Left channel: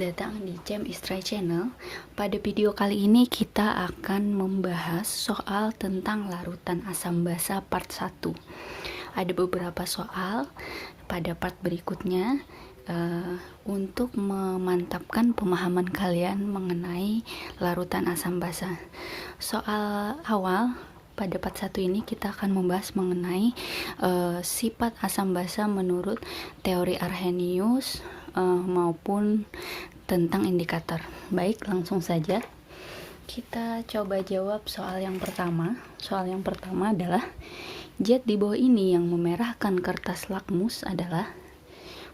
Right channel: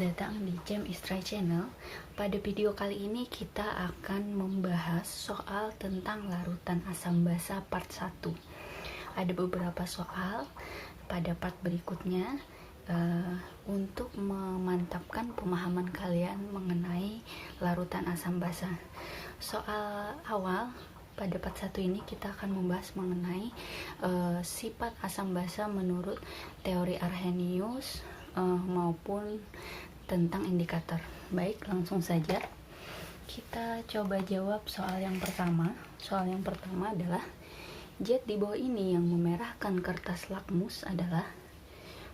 datang di Cem Istri Channel. Pada video kali ini kita akan membahas soal tentang larutan asam basa part 1. Ada beberapa soal pada part berikutnya untuk memantapkan pemahaman kalian mengenai larutan asam basa. Soal awal pada part 1 ini kita akan membahas mengenai sifat asam basa menurut teori Arrhenius maupun tentang indikator. Baik, langsung saja kita coba jawab soal yang pertama. Soal yang pertama adalah zat di bawah ini yang memerahkan kertas lakmus adalah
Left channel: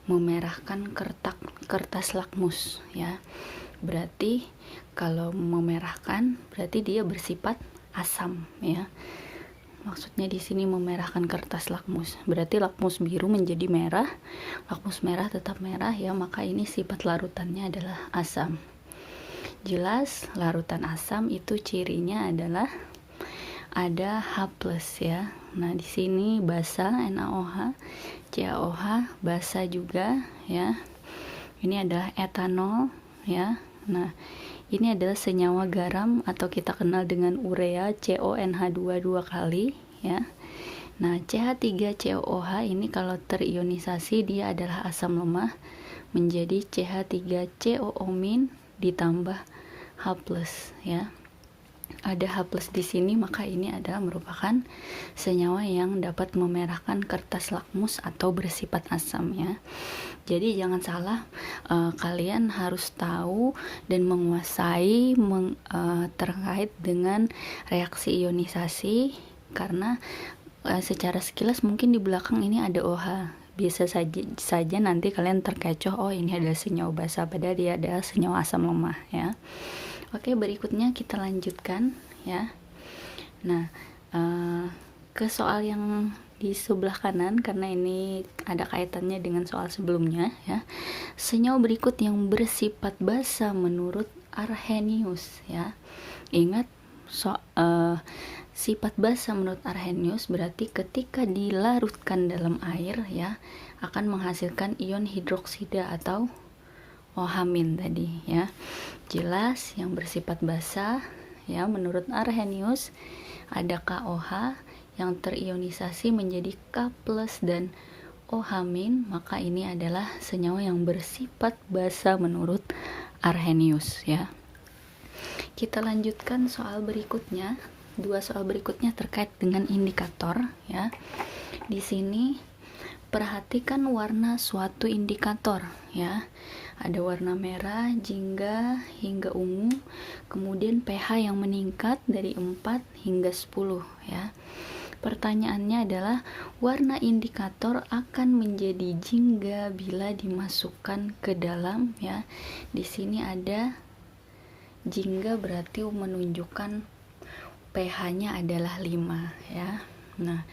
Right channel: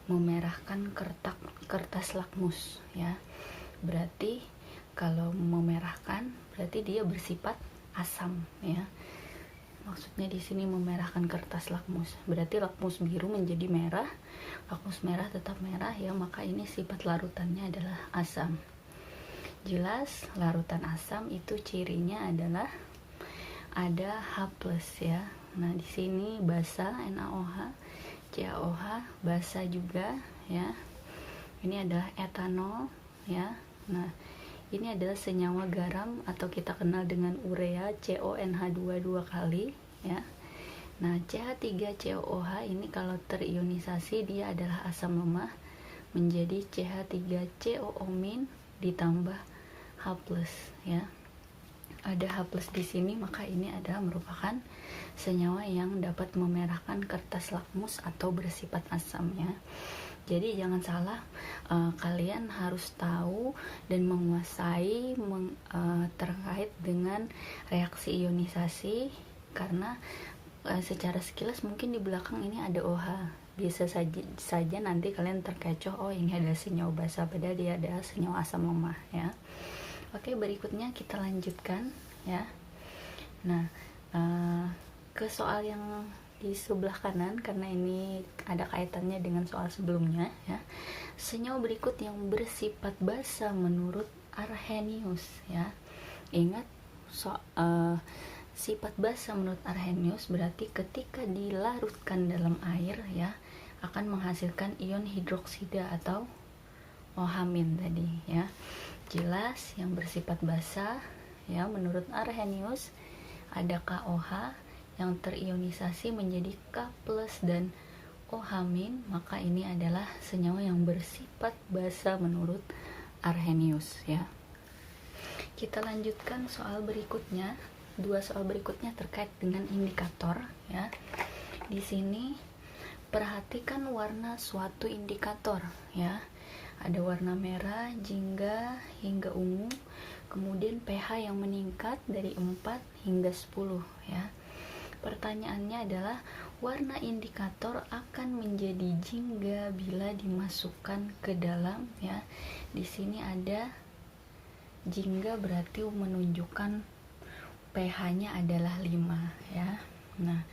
memerahkan kertas lakmus, ya. Berarti kalau memerahkan berarti dia bersifat asam, ya. Maksudnya di sini memerahkan kertas lakmus. Berarti lakmus biru menjadi merah, lakmus merah tetap merah, ya, maka ini sifat larutannya adalah asam. Jelas larutan asam itu cirinya adalah ada H+, ya. Nah, di sini basa NaOH, CaOH, basa juga, ya. Ini ada etanol, ya. Nah, ini adalah senyawa garam atau kita kenal dengan urea, CONH2 dua kali, ya. Nah, CH3COOH ini kalau terionisasi dia adalah asam lemah menjadi CH3COO- ditambah H+, ya. Ada H+ di sini, maka ini adalah merupakan senyawa yang dapat memerahkan kertas lakmus atau bersifat asam, ya. Jadi jangan salah, kalian harus tahu dan menguasai terkait dengan reaksi ionisasi, karena secara sekilas mungkin di belakang ini ada OH. Bisa saja nanti kalian terkecoh, oh ini adalah senyawa basa, padahal dia adalah senyawa asam lemah, ya. Oke, berikutnya kita lanjutkan, ya. Nah, ke soal yang di sebelah kanan, karena ini ada kaitannya dengan soal sebelumnya, ya. Senyawa berikut yang bersifat basa menurut Arrhenius, ya. Ingat, sifat basa menurut Arrhenius berarti ketika dilarutkan dalam air, ya, akan menghasilkan ion hidroksida atau OH- tadi, ya. Jelas yang bersifat basa, ya, menurut Arrhenius ada KOH yang terionisasi menjadi K+ dan OH-, maka ini adalah senyawa yang bersifat basa menurut Arrhenius, ya. Kita lanjutkan soal berikutnya. Dua soal berikutnya terkait dengan indikator, ya. Di sini perhatikan warna suatu indikator, ya. Ada warna merah, jingga hingga ungu, kemudian pH yang meningkat dari 4 hingga 10, ya. Pertanyaannya adalah warna indikator akan menjadi jingga bila dimasukkan ke dalam, ya. Di sini ada jingga berarti menunjukkan pH-nya adalah 5, ya. Nah,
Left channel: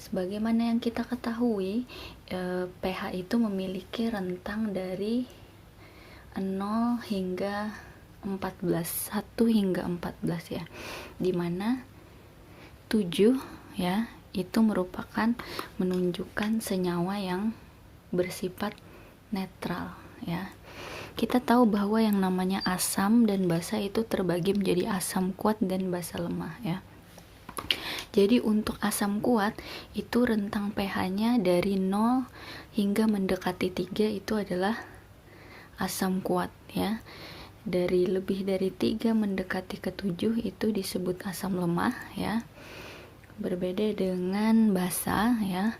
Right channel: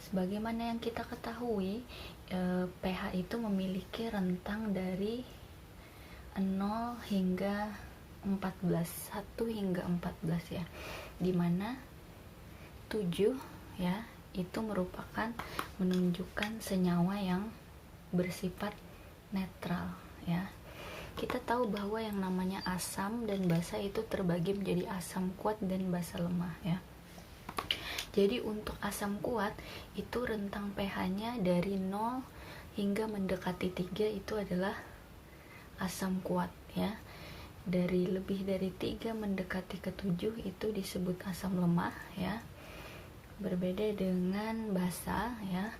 sebagaimana yang kita ketahui, pH itu memiliki rentang dari 0 hingga 14, 1 hingga 14, ya. Dimana 7, ya, itu merupakan menunjukkan senyawa yang bersifat netral, ya. Kita tahu bahwa yang namanya asam dan basa itu terbagi menjadi asam kuat dan basa lemah, ya. Jadi untuk asam kuat itu rentang pH-nya dari 0 hingga mendekati 3 itu adalah asam kuat, ya. Dari lebih dari 3 mendekati ke 7 itu disebut asam lemah, ya. Berbeda dengan basa, ya.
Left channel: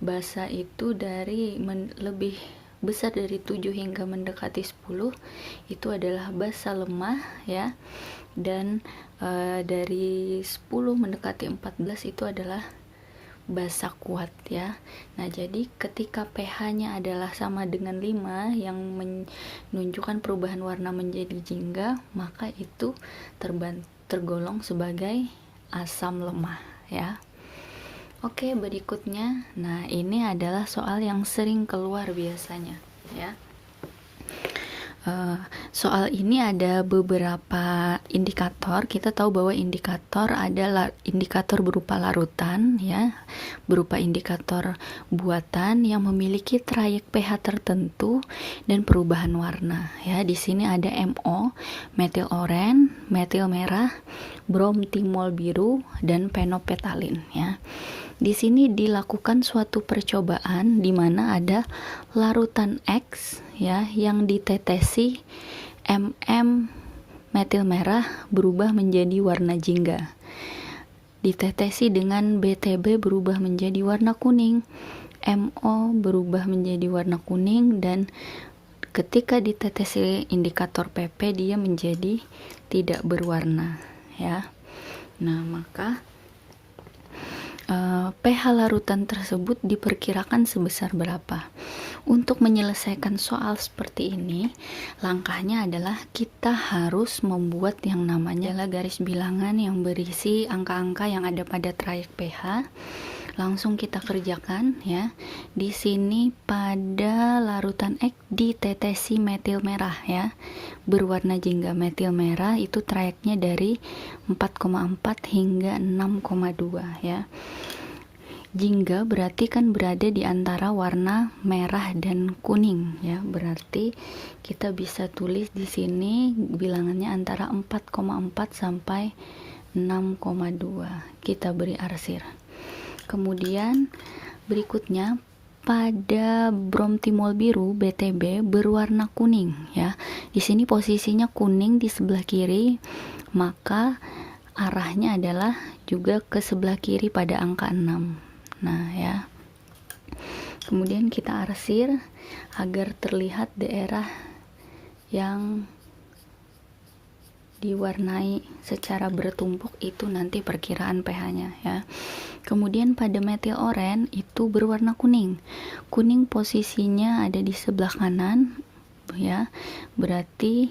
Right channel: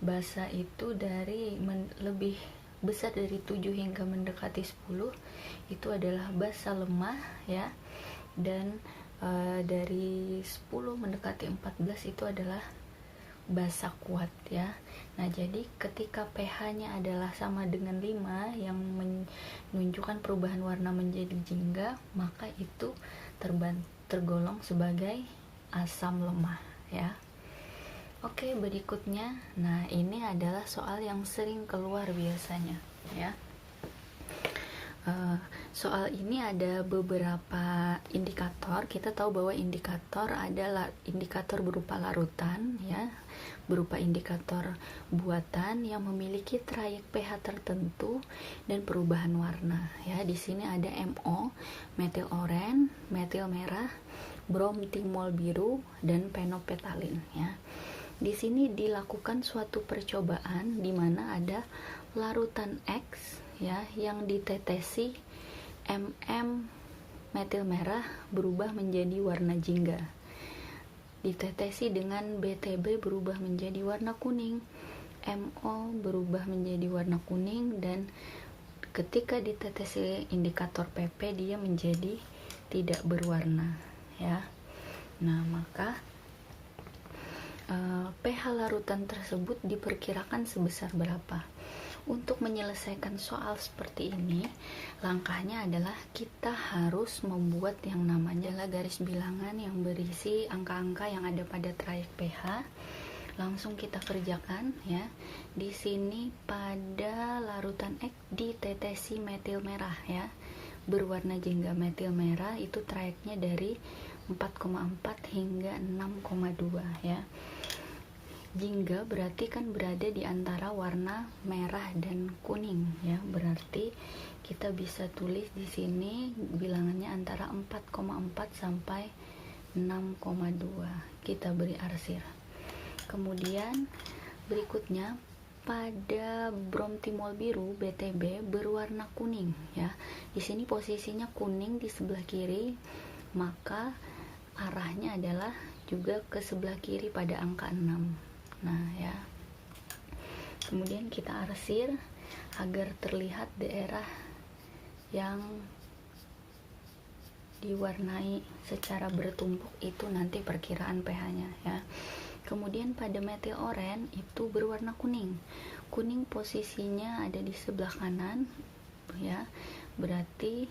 Basa itu dari lebih besar dari 7 hingga mendekati 10 itu adalah basa lemah, ya. Dan dari 10 mendekati 14 itu adalah basa kuat, ya. Nah, jadi ketika pH-nya adalah sama dengan 5 yang menunjukkan perubahan warna menjadi jingga, maka itu tergolong sebagai asam lemah, ya. Oke, berikutnya. Nah, ini adalah soal yang sering keluar biasanya, ya. Soal ini ada beberapa indikator. Kita tahu bahwa indikator ada indikator berupa larutan, ya, berupa indikator buatan yang memiliki trayek pH tertentu dan perubahan warna. Ya, di sini ada MO, metil oren, metil merah, bromtimol biru, dan penopetalin. Ya. Di sini dilakukan suatu percobaan di mana ada larutan X, ya, yang ditetesi metil merah berubah menjadi warna jingga. Ditetesi dengan BTB berubah menjadi warna kuning. MO berubah menjadi warna kuning, dan ketika ditetesi indikator PP dia menjadi tidak berwarna, ya. Nah, maka pH larutan tersebut diperkirakan sebesar berapa? Untuk menyelesaikan soal seperti ini, langkahnya adalah kita harus membuat yang namanya garis bilangan yang berisi angka-angka yang ada pada trayek pH. Langsung kita kerjakan, ya. Di sini pada larutan X ditetesi metil merah, ya, berwarna jingga. Metil merah itu trayeknya dari 4,4 hingga 6,2, ya. Jingga berarti kan berada di antara warna merah dan kuning, ya. Berarti kita bisa tulis di sini bilangannya antara 4,4 sampai 6,2. Kita beri arsir. Kemudian berikutnya pada bromtimol biru BTB berwarna kuning, ya. Di sini posisinya kuning di sebelah kiri, maka arahnya adalah juga ke sebelah kiri pada angka 6. Nah, ya. Kemudian kita arsir agar terlihat daerah yang diwarnai secara bertumpuk itu nanti perkiraan pH-nya, ya. Kemudian pada metil oren itu berwarna kuning. Kuning posisinya ada di sebelah kanan, ya. Berarti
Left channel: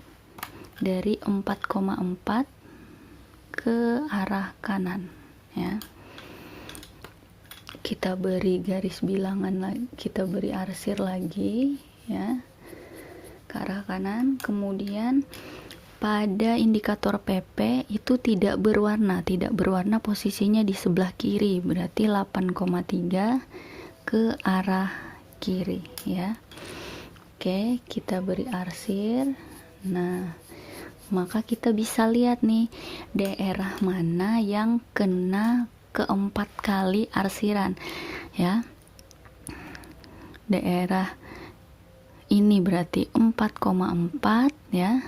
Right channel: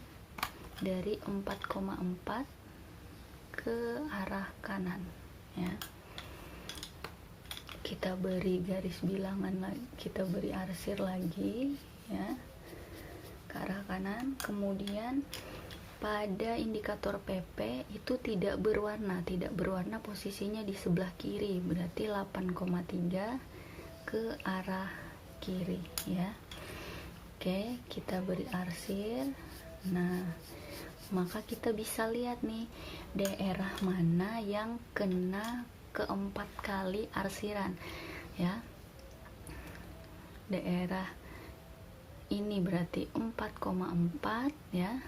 dari 4,4 ke arah kanan, ya. Kita beri garis bilangan lagi, kita beri arsir lagi, ya, ke arah kanan. Kemudian pada indikator PP itu tidak berwarna posisinya di sebelah kiri, berarti 8,3 ke arah kiri, ya. Oke, kita beri arsir. Nah, maka kita bisa lihat nih daerah mana yang kena keempat kali arsiran, ya. Daerah ini berarti 4,4, ya,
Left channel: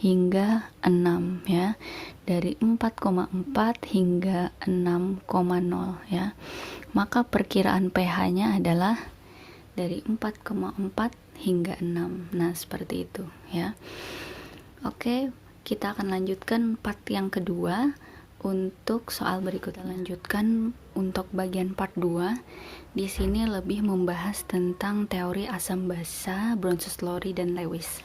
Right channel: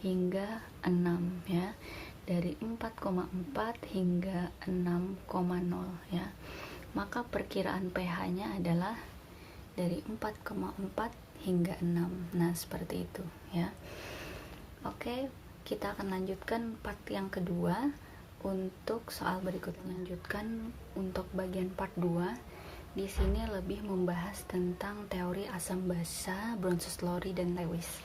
hingga 6, ya. Dari 4,4 hingga 6,0, ya. Maka perkiraan pH-nya adalah dari 4,4 hingga 6. Nah, seperti itu, ya. Oke, kita akan lanjutkan part yang kedua. Untuk soal berikutnya lanjutkan untuk bagian part 2. Di sini lebih membahas tentang teori asam basa, Bronsted-Lowry dan Lewis.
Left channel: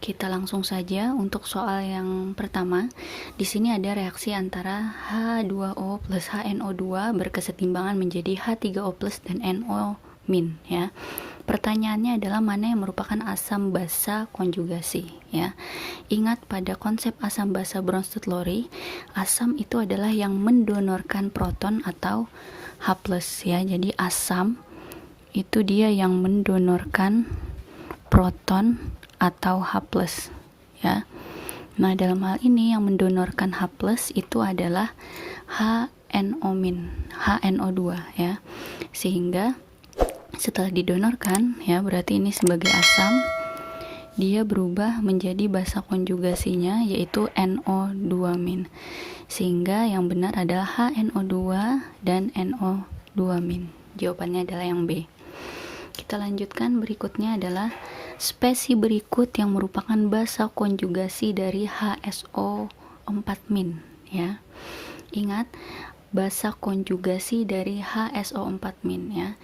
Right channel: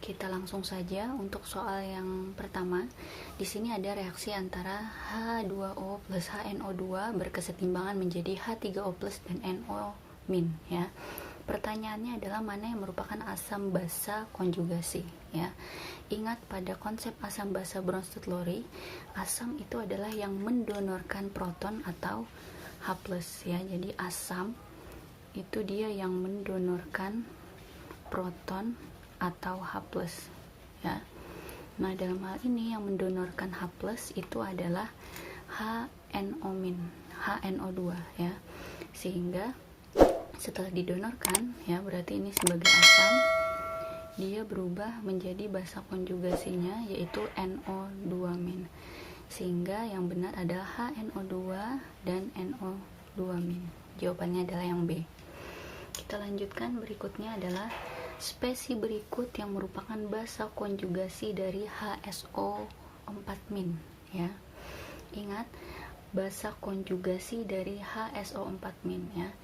Kita langsung saja untuk soal yang pertama. Di sini ada reaksi antara H2O plus HNO2 berkesetimbangan menjadi H3O plus dan NO min, ya. Pertanyaannya adalah mana yang merupakan asam basa konjugasi, ya. Ingat pada konsep asam basa Bronsted-Lowry, asam itu adalah yang mendonorkan proton atau H+, ya. Jadi asam itu dia yang mendonorkan proton atau H+, ya. Nah, dalam hal ini yang mendonorkan H+ itu adalah HNO2, ya. Sehingga setelah didonorkan, ya, berarti ini sebagai asam, dia berubah menjadi basa konjugasinya yaitu NO2-. Sehingga yang benar adalah HNO2 dan NO2-. Jawabannya adalah yang B. Kita lanjutkan, berikutnya adalah spesi berikut yang merupakan basa konjugasi dari HSO4-, ya. Ingat, basa konjugasi dari HSO4-, ya.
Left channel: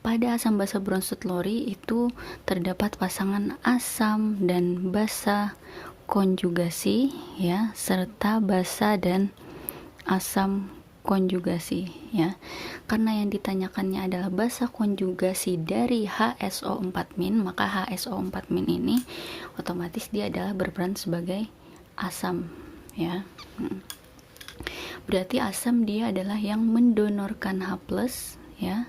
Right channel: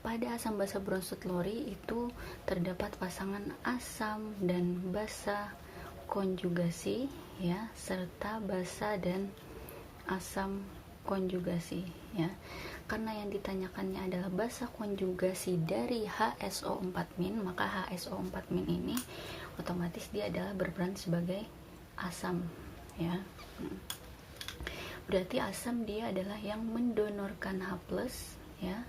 Pada asam basa Bronsted-Lowry itu terdapat pasangan asam dan basa konjugasi, ya, serta basa dan asam konjugasi ya. Karena yang ditanyakannya adalah basa konjugasi dari HSO4-, maka HSO4- ini otomatis dia adalah berperan sebagai asam ya. Berarti asam dia adalah yang mendonorkan H+ ya.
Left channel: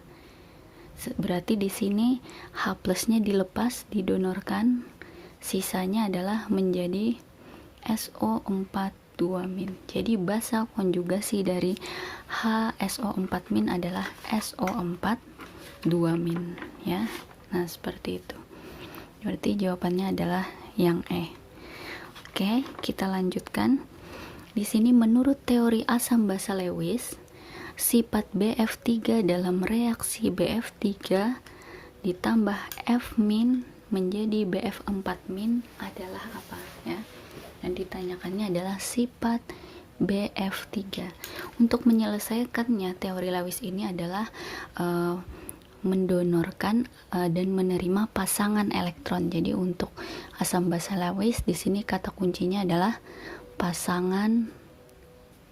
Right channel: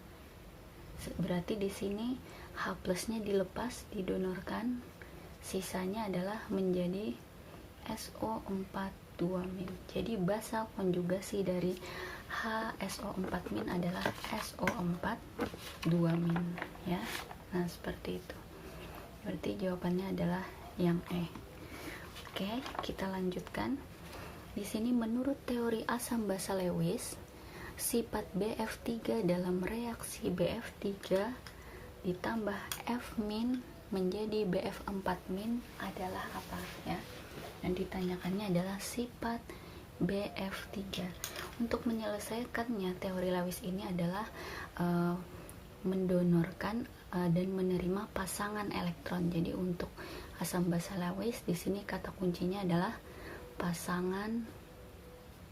Berarti di sini H+-nya dilepas, didonorkan, sisanya adalah menjadi SO4 2-. Jadi basa konjugasi dari HSO4- adalah SO4 2- ya. Nah, seperti itu. Berarti jawabannya adalah yang E. Oke, kita lanjutkan. Di sini menurut teori asam basa Lewis, sifat BF3 dalam reaksi BF3 ditambah F- menjadi BF4- adalah apa ya? Dan ditanyakannya adalah sifat BF3. Untuk menyelesaikannya, teori Lewis ini adalah mendonorkan dan menerima pasangan elektron. Jadi untuk asam basa Lewis di sini kata kuncinya adalah pasangan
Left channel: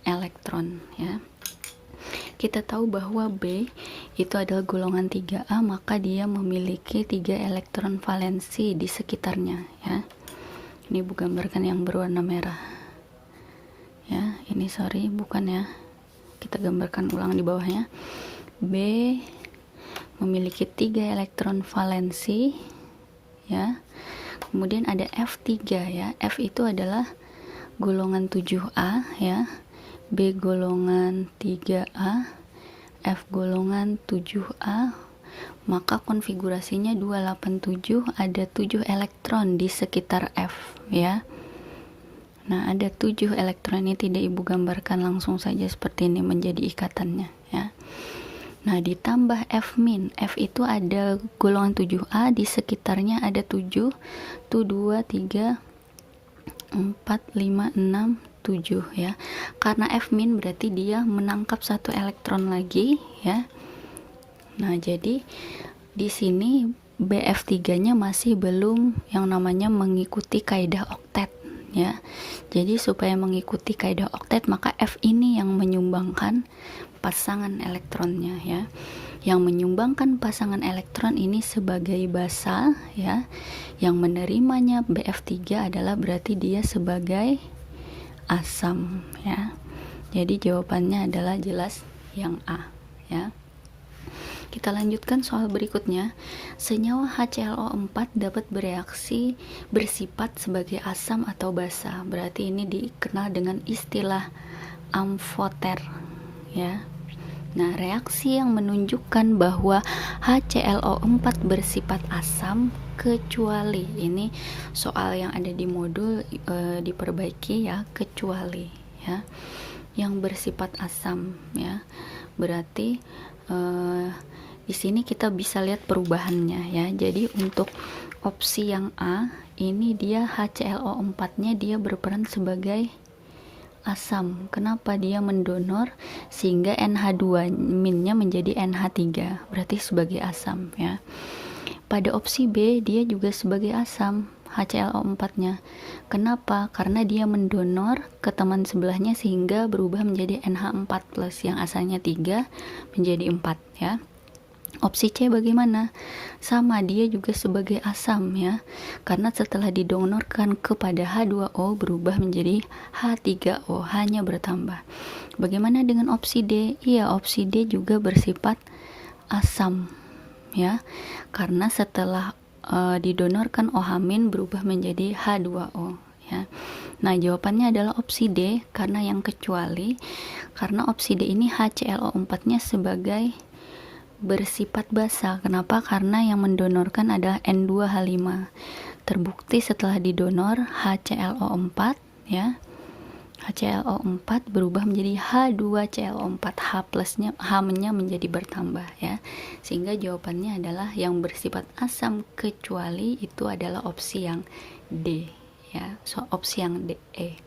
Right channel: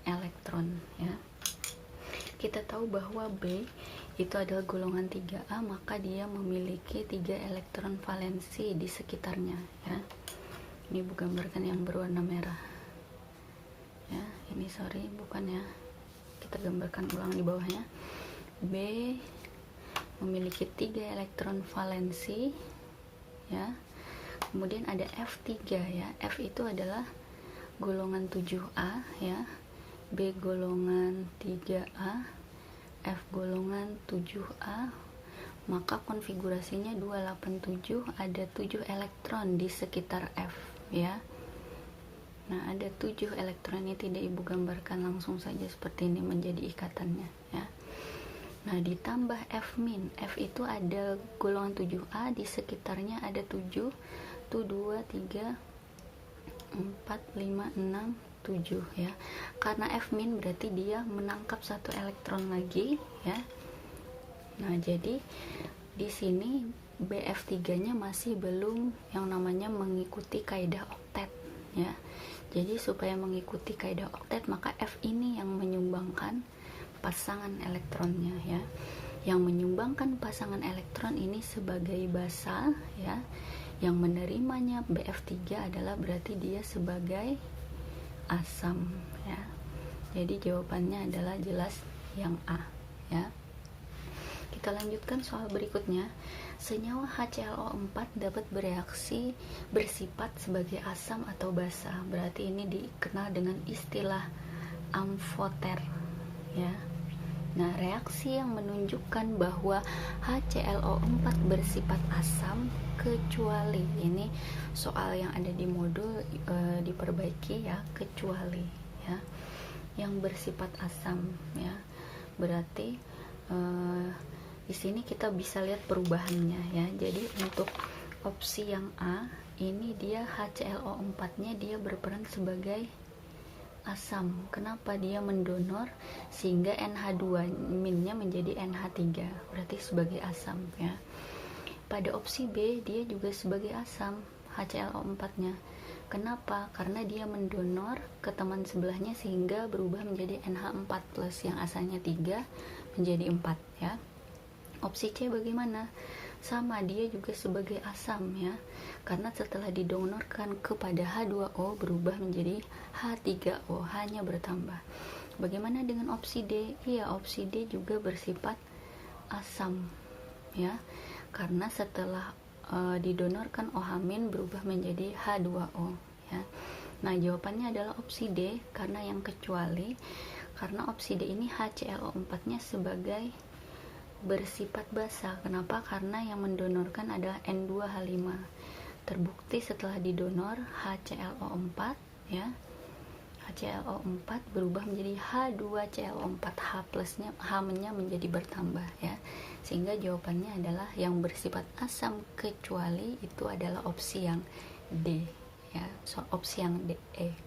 elektron ya. Kita tahu bahwa B itu adalah golongan 3A, maka dia memiliki 3 elektron valensi di sekitarnya ya. Ini gambarkan yang berwarna merah ya. Ini sorry bukan ya, kita gambarkan ulang di bawahnya. B memiliki 3 elektron valensi ya. Kemudian ada F3 ya. F itu adalah golongan 7A ya. B golongan 3A, F golongan 7A, maka konfigurasinya 287, ada 7 elektron di sekitar F ya. Nah, ada 7 elektron ini tidak ibu gambarkan langsung saja seperti ini menjadi ikatannya ya. Nah, ditambah F-, F itu ada golongan 7A, di sekitarnya ada 7, tuh 2, 3, 4, 5, 6, 7 ya. Karena F- berarti dia menangkap 1 elektron lagi ya. Nah, jadi di sini BF3-nya masih belum yang namanya mengikuti kaidah oktet ya. Jadi supaya mengikuti kaidah oktet, maka F ini yang menyumbangkan pasangan elektronnya ya. Yang menyumbangkan pasangan elektron ini sebagai basa ya. Yang menerimanya BF3 adalah berarti dia sebagai asam ya. Jadi jawabannya adalah jelas yang A ya. Kita lanjutkan soal berikutnya. Senyawa HClO4 dapat bereaksi bersifat sebagai asam atau basa. Berarti ini dikenal dengan istilah amfoter ya. Nah, reaksi yang menunjukkan bahwa HClO4 bersifat asam kecuali, ini soal yang ada di modul diperbaiki ya, kecuali ya, yang bersifat asam ya. Berarti di sini kita bisa lihat perubahannya ya. Jadi untuk opsi yang A ini dia HClO4-nya dia berperan sebagai asam. Kenapa? Dia mendonor sehingga NH2- menjadi NH3, berarti sebagai asam ya. Pada opsi B dia juga sebagai asam, HClO4-nya. Kenapa? Karena dia mendonor ke teman sebelahnya sehingga berubah menjadi NH4+ yang asalnya 3 menjadi 4 ya. Opsi C bagaimana? Sama, dia juga sebagai asam ya. Karena setelah didonorkan kepada H2O berubah menjadi H3O, hanya bertambah. Bagaimana dengan opsi D? Iya, opsi D juga bersifat asam ya. Karena setelah didonorkan OH- berubah menjadi H2O ya. Nah, jawabannya adalah opsi D karena yang kecuali, karena opsi D ini HClO4-nya sebagai bersifat basa. Kenapa? Karena yang mendonorkan adalah N2H5. Terbukti setelah didonor HClO4 ya. HClO4 berubah menjadi H2ClO4, H+-nya, H-nya menjadi bertambah ya. Sehingga jawabannya adalah yang bersifat asam kecuali itu adalah opsi yang D ya. So opsi yang D, E.